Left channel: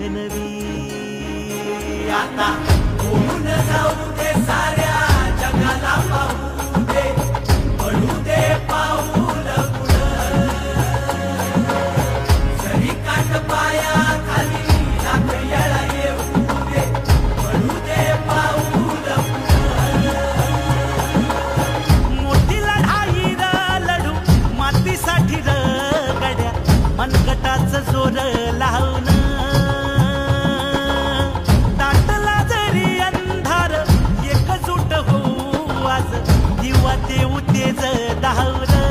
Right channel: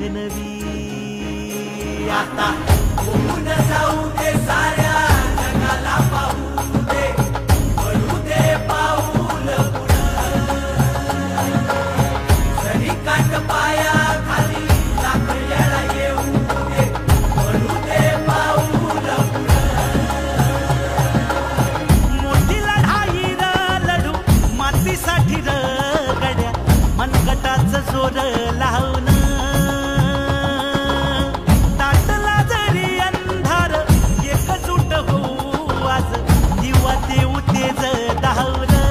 नवी आता होऊन जाऊ दे साऱ्या जगाला पाहू दे पडू दे पाऊल जरी काट पाया खाली सापड्याला येऊ दे पडू दे पाऊल मोठी लढाई लढू मातीसाठी गड्या मनगटाचं जोर लावून दाटला जरी अंधार एकजूट होऊ आज दिवा देऊ तेज धावलं